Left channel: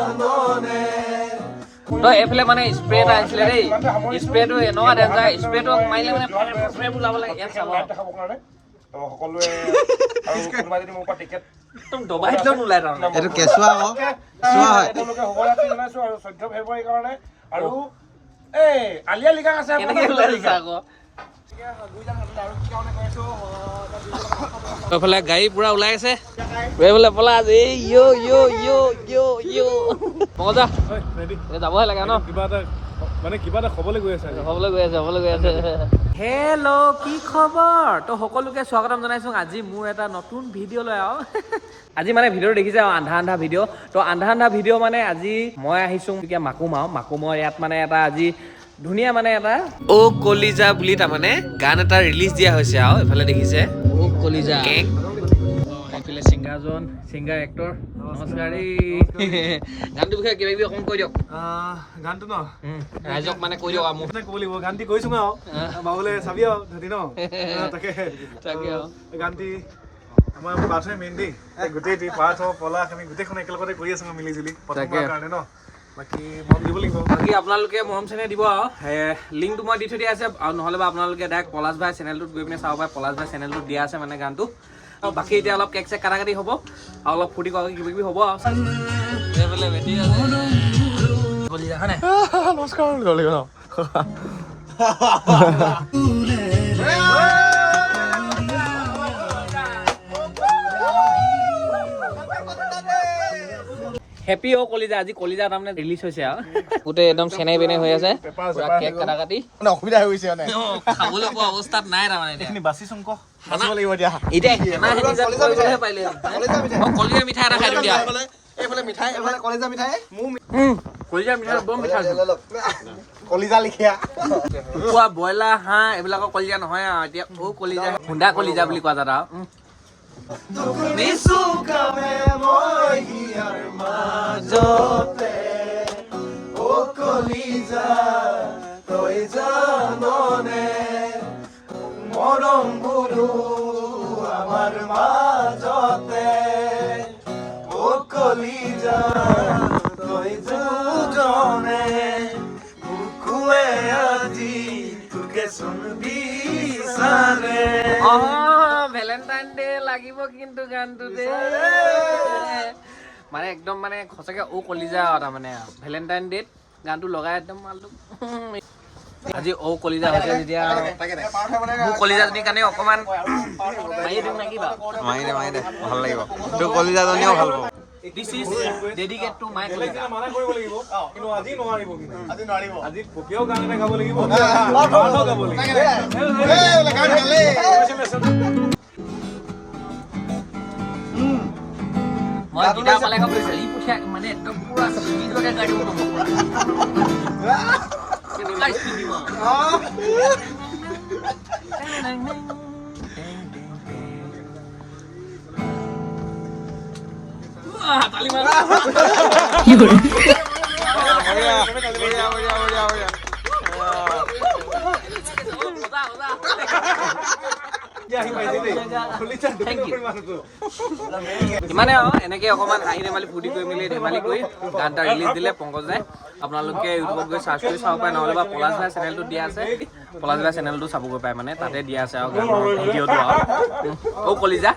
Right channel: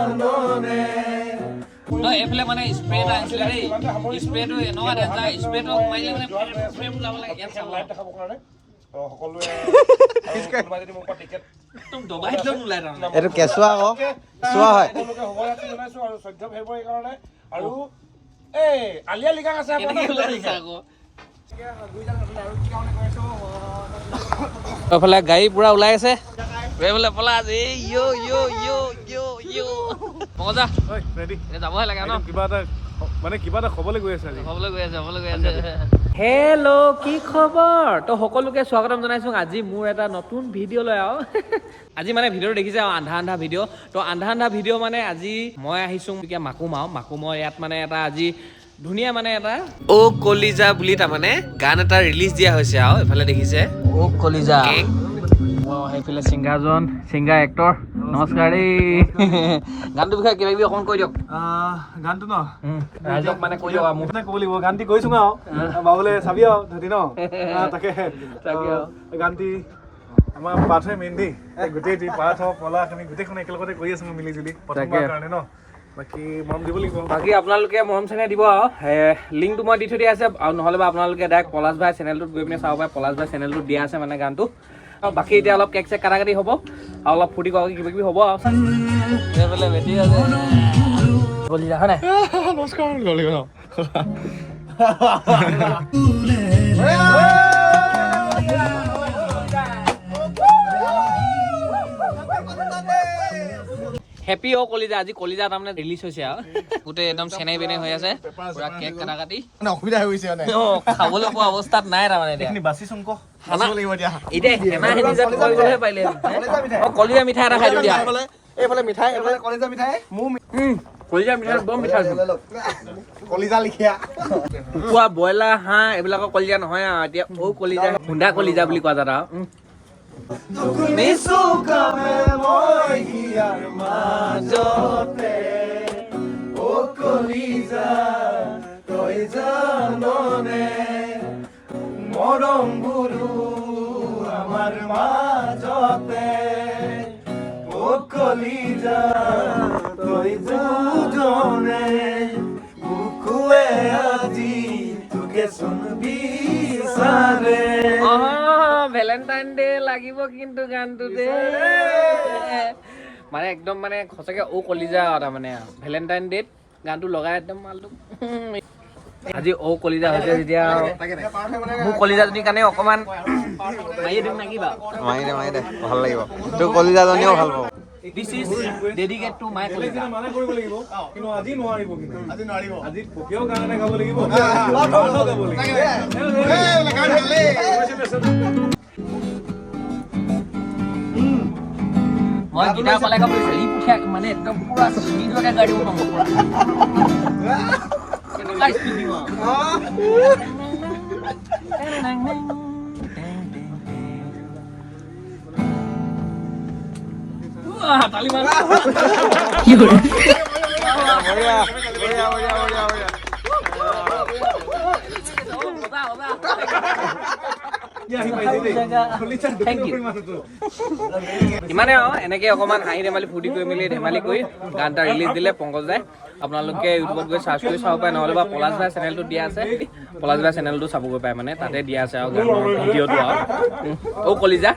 চন্দনে তই এইফালে মানে স্প্ৰে এটা আনিছিলে দেই। স্প্ৰেটো এনেকুৱা ডেঞ্জাৰ স্প্ৰেটো মাৰিলে মানে ওলাব লাগে গাড়ী পুৰা ওলাই আছে। এইফালে পলা আজি এই ইয় ইয় ইয় ইয় ইয় মজা যাবহে লাগে ন কিবা এটা মানে কিবা এটা খবলৈ গৈ আছে আজি হ'বলৈ গৈ আছে হ'বলৈ গৈ আছে হেল্ল' কি খবৰ তো সকলোকে স্বাগতম জনাইছোঁ। আজি মোৰ এটা নতুন ভিডিঅ' লৈ আৰু আজি মানে ভিডিঅ'টো দেখিছে আৰু আন্ধা আন্ধা ভিডিঅ' তো আন্ধা আন্ধা ভিডিঅ' মানে আজি মই আহিছোঁ এতিয়া মাকুম আৰু। মাকুমৰ ইয়াত মানে এটা আজি ধুনীয়া মানে এটা অ কলিজা বুলি তাৰমানে গান এটা ৰিলিজ দিয়া হৈছে আৰু এইফালে দেখিছে। কলিজা। কেক সেইফালে ছিংগাৰজন ছিংগাৰ এক্টৰ নমস্কাৰ দেই গানটোৰ বিষয়ে কিবা কিবি অকণ কৈ দিয়ক। গানটো ন? ৰাইজক মানে কৈ দিয়ক মোক। ক'ব লাগিব গানটি কৈছো আৰু বাবুলে চাবি আৰু ধতি ন? তাকে। গানটি আমাৰ পাৰ্থই মেইন দেই। গোটেই টি পাৰ্থ পলাশ আমি গোটেইখন একেলগতে কৰি আছো মিলি জুলি কাৰণে ন? বাকী মন দিব লাগিব। বাকী আপোনালোকে মৰম চেনেহ দিব আৰু লিংকটো মই দি থৈ দিয়া আছে আৰু নহ'লে বা আপোনালোকে ডাইৰেক্ট পলাশ ভাই চেনেলটোত গৈ পিনে চাব পাৰে পলাশ ভাই চেনেলটোত দিয়া আছে মানে গানটো। বাকী এতিয়া অলপ কেক চেক কাটা কাটি হ'ব আৰু অলপ ফূৰ্তি কৰা কিবা কিবি হ'ব আৰু এইফালে বেটি আছে। কলিজা হয় নাই। নমস্কাৰ কৰিব হেপী অ' কলিজা আজি কলিজা তাৰমানে ৰিলিজ হৈছে আৰু। গোটেই একদম চেনে বেনে হৈ আছে। কেক কাটা কাটি অসুবিধা হৈ গৈছে মানে। খাবলৈ পোৱা অৱস্থাত নাই তাৰমানে এতিয়া। এইখিনি বাচি চুংক এতিয়া। কৰিবলৈহে পাৰিলে। কলিজা মিঠাই। এটা খাই দিয়া। এইফালে মিঠাই এইফালে কলেজা মিঠাই। মোৰ কলিজা মিঠাই বৰ মিঠা আছে কলিজা লিখীয়া। কুকুৰা ব্ৰইলাৰ হাঁহ এইবিলাকৰ কলিজা নহয় আৰু। এতিয়া ঔ কলিজা খুন্দা কলিজা বুলি কোৱা যাত আৰু। উম। মৰম গুৰু আমাৰ মাজতে অ কলিজা তই দুজনে। কুকুৱে আজি তোকে বিচাৰে অহ ভেলেণ্টাইন ডে লাগিব কিন্তু গানটো দে মানে একদম মানে সঁচাকে ঔ কলিজা আৰু তাৰমানে ভেলেণ্টাইন ডেত গানটো লগাই একদম মালটো আজি ঔ কলিজা হৈছে যেতিয়া আৰু মোৰ কলিজাজনীৰ কাৰণে অকণমান মাৰিয়ে দিম নেকি বাৰু মাৰি দে মাৰি দে ভাল লাগিব তোৰ কলিজাজনীও ভাল পাব this is dedicate to my কলিজা মানা কৰিব লাগিব কিন্তু আজি নোৱাৰিব কিন্তু আজি নোৱাৰিব আজি পপিয়াও গান এটা গাব লাগিব গানো গাব লাগিব Kita apa lagi kamu seribu tiap Kau Kamu pulang seribu kan gak ada uang pulang. Kita guys ini. Wah, tali mana? Yaudah. Oh ya, oh ya, oh ya, oh ya. ইমানে আৰু এনেকে অকণমান হাঁহি ধেমালি ফূৰ্তি কৰি মেলি ধেমালি কৰি গান এটা ৰিলিজ দিলে পংকজাই আপোনালোকে ইউটিউবত গৈ চাৰ্চ কৰি চাব পাৰে নহ'লে বা পলাশ ভাই চেনেলটো দিয়া আছে। পলাশ ভাই চেনেলটো চাবগৈ পাৰে মানে তাতে দিয়া আছে আৰু গানৰ ভিডিঅ'টো আৰু। অ' কলিজা।